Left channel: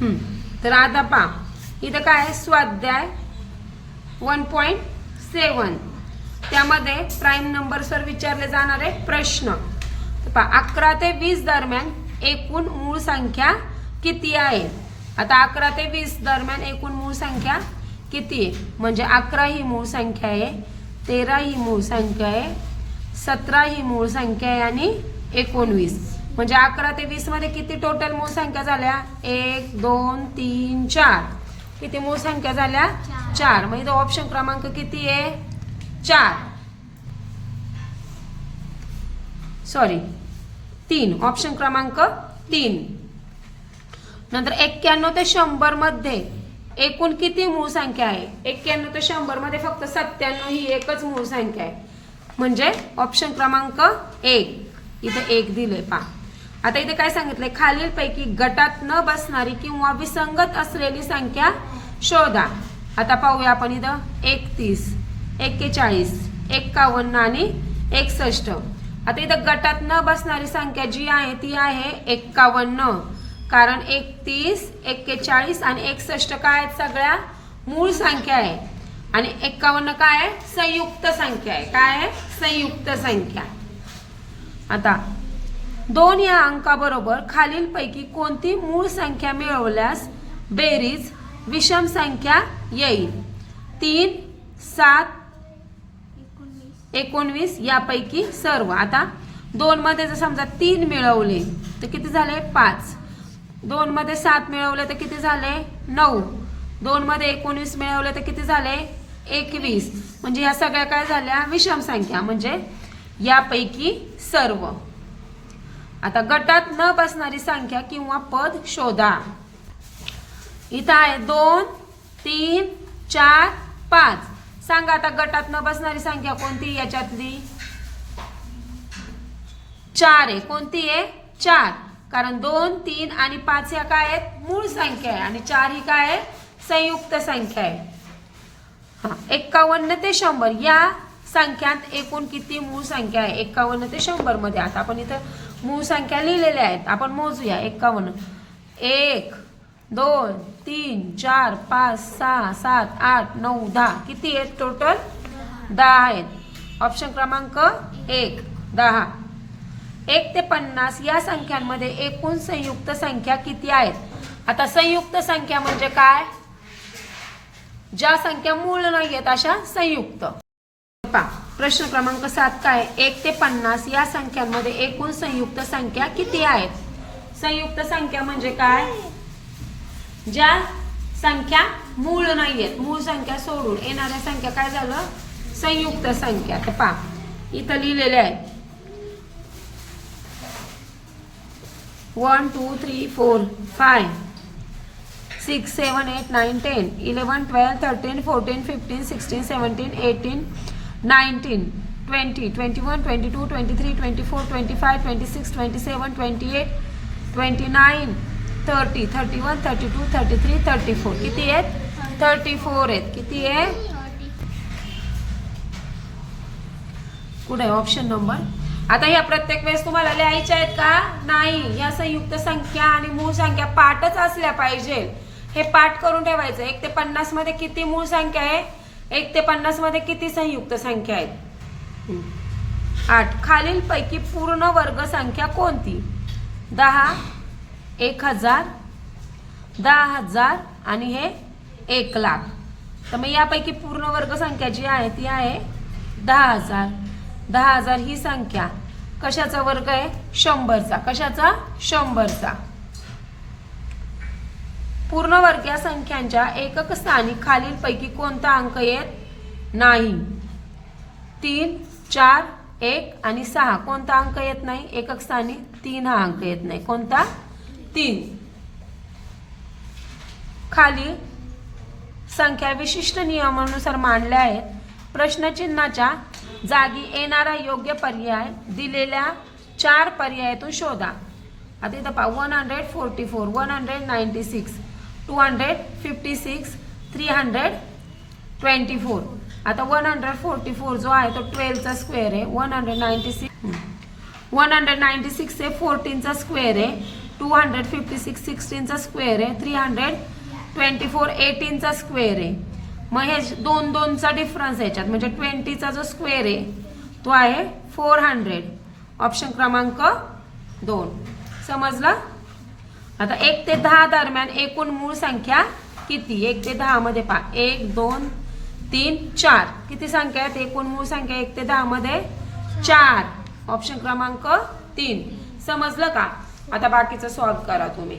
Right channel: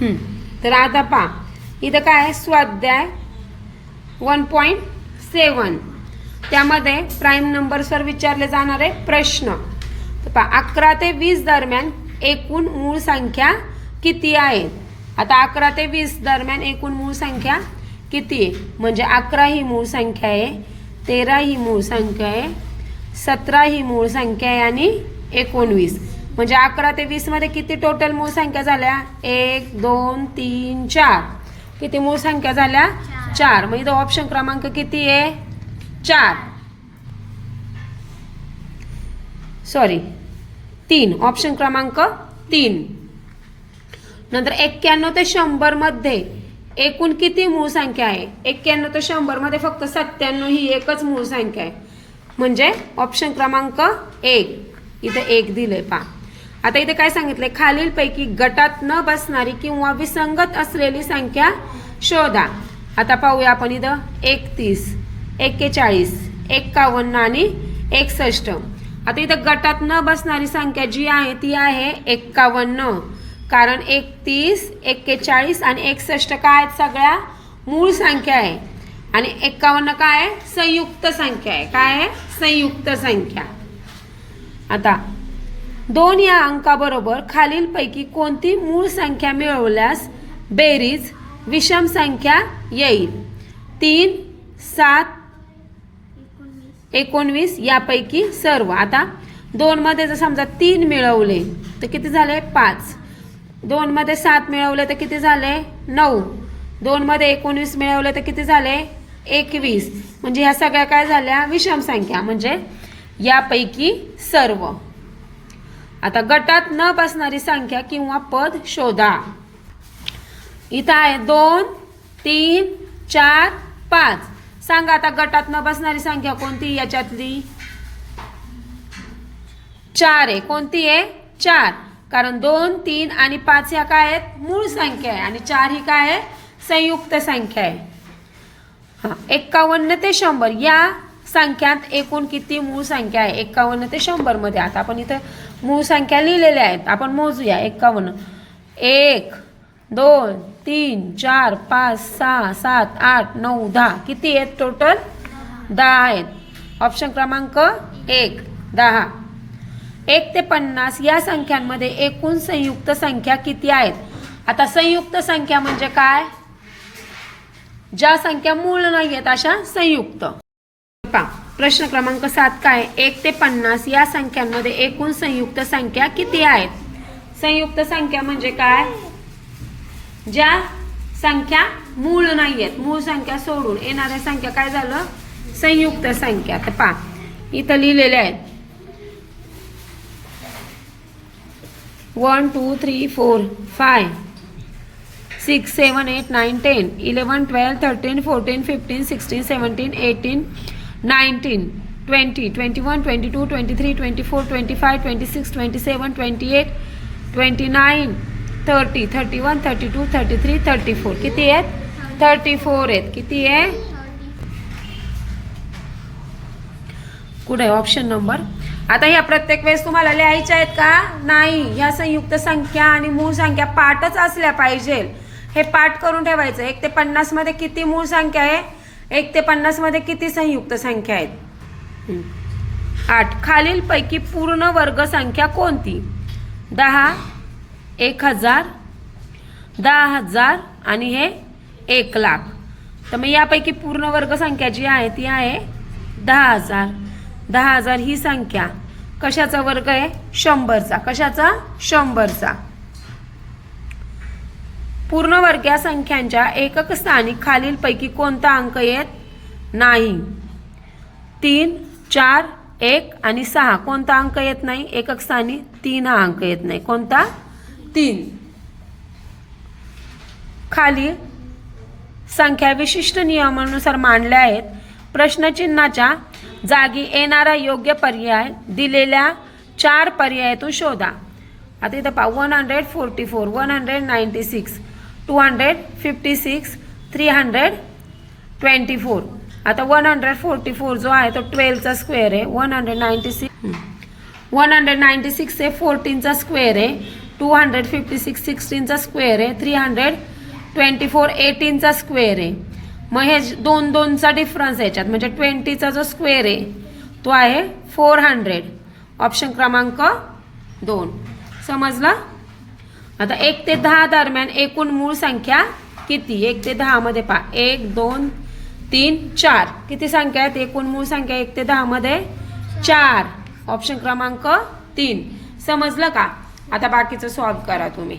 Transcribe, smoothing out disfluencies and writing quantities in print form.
तर आता पहा इथं काय आहे, स्वाध्याय 1.7 त्यामध्ये प्राईम नंबर्सवर विचारले जाणारे प्रश्न. तर पहा 11 ते 20 दरम्यान एकूण मूळ संख्या किती आहे. आता 11 ते 20 दरम्यान एकूण मूळ संख्या किती आहे, म्हणजे 11 ही मूळ संख्या आहे, 13 ही मूळ संख्या आहे, 17 ही मूळ संख्या आहे आणि 19. म्हणजे 11 ते 20 मध्ये किती टोटल मूळ संख्या झाल्या, 1 2 3 4. किती मूळ संख्या झाल्या, 4. मग इथं ऑप्शन क्रमांक किती आहे, 4 सॉरी 3. ऑप्शन क्रमांक 3. नंतर 91 ते 100 मध्ये एकूण किती मूळ संख्या आहे. 91 ते 100 मध्ये फक्त 97 ही एकच मूळ संख्या आहे, म्हणजे ऑप्शन क्रमांक 1. इथे 1 दिले पहा. आता इथे काय सांगितलंय, खालीलपैकी गटात न बसणारी किंवा विसंगत असलेली संख्या शोधा. आता पाहूया आपण इथं 31, 41, 51 आणि 61. आता इथं गटात न बसणारी संख्या जी आहे ती आहे 51, कारण 31, 41 आणि 61 काय आहेत, सगळ्या मूळ संख्या आहे. आणि 51 काय आहे, संयुक्त संख्या आहे. काय आहे, संयुक्त संख्या. आता 2 या अंकाबरोबर खालीलपैकी कोणती मूळ संख्या मिळवल्यास बेरीज विषम संख्या येईल. 3, 7, 19 यापैकी सर्व. आता 2 मध्ये जर समजा 3 मिळवले तर किती झाले, 5. 2 मध्ये 7 मिळवले तर किती झाले, 9. 2 मध्ये 19 मिळवले तर किती झाले, 21. म्हणजे ह्या सगळ्या काय झाल्या, विषम संख्या, म्हणजे यापैकी सर्व. आता गटात न बसणारी संख्या किंवा पद शोधा. इथं आहे 2, 3, 4, 5. सांगा आता गटात न बसणारी संख्या कोणती, याच्यातली 4 आहे. कोणती आहे, 4. कारण 2, 3 आणि 5 ह्या काय आहेत, मूळ संख्या आहे आणि 4 ही काय आहे, संयुक्त संख्या आहे. 51 ते 100 या संख्यात एकूण किती मूळ संख्या आहे. 51 ते 100 मध्ये आता आपण इथं मूळ संख्या लिहिलेल्या आहेत, आपण मोजूया. 51, 1 2 3 4 5 6 7 8 9 10. किती आहेत टोटल, 10 आहेत. ऑप्शन क्रमांक 1 10. 1 ते 50 या संख्यांमध्ये एकूण संयुक्त संख्या किती आहेत. आता संयुक्त संख्या म्हणजे काय, ज्या संख्या मूळ नाही आहेत अशा संयुक्त. प्रश्न क्रमांक 7 काय, 1 ते 50 या संख्यांमध्ये एकूण संयुक्त संख्या किती आहेत. संयुक्त संख्या म्हणजे काय, ज्या संख्या मूळ नाही आहेत, मूळ संख्या सोडून येणाऱ्या संख्या काय झालं, संयुक्त संख्या. तर पहा इथं लिहिलेले आहेत 1 2 3 4 5 6 7 8 9 10 11 12 13 14 15 16 17 18 19 20 21 22 23 24 25 26 27 28 29 30 31 32 33 34. किती आहेत, 34 आहेत. किती आहे, कुठे ऑप्शन नंबर. आता ह्या प्रत्येक वेळेस तुम्हाला लिहायच्या आहेत का, नाही. ह्या संयुक्त संख्या आणि मूळ संख्या पाठच असल्या पाहिजे, हे पाठ करून ठेवायचं. 1 ते 50 मध्ये किती मूळ संख्या आहे, 1 ते 50 मध्ये किती संयुक्त संख्या आहेत, 8. खालीलपैकी पूर्ण वर्ग संख्या कोणती. 10, 1000, 10,000 आणि हे 1,00,000. तर मग यापैकी पूर्ण वर्ग संख्या जी आहे ती आहे 10,000. 10,000 ही संख्या कशाचा वर्ग आहे, 100चा. कशाचा, 100चा. पूर्णवर्गीय संख्यांच्या एकक स्थानी खालीलपैकी कोणता अंक येत नाही. 3, 4, 1 आणि 6 कोणता अंक येत नाही एकक स्थानी. 3 हा अंक येत नाही. कोणता, 3. खाली संख्या विशिष्ट नियमानुसार मांडल्या आहेत. प्रश्नचिन्हाच्या जागी येणारा योग्य पर्याय दिलेल्या 4 पर्यायातून शोधा. आता इथं पहा 144, 196, 256, 324. आता 144 जो आहे तो 12चा स्क्वेअर आहे. 196 हे 14चा स्क्वेअर आहे. 256 16चा स्क्वेअर आहे, 324 18चा स्क्वेअर आहे. मग हे दोन दोनचा डिफरन्स याच्यात म्हणजे 20चा जो स्क्वेअर आहे तो आहे 400. ऑप्शन क्रमांक 2. समजलं? आता 1 ते 10 दरम्यान एकूण मूळ संख्या किती? 1 ते 10 मध्ये पहा, 1 2 3 4 किती संख्या आहेत? एकूण मूळ संख्या 1 ते 10 मध्ये 4. ऑप्शन क्रमांक 3. समजलं का? आता बाकीचं सॉल्व्ह करा तुम्ही.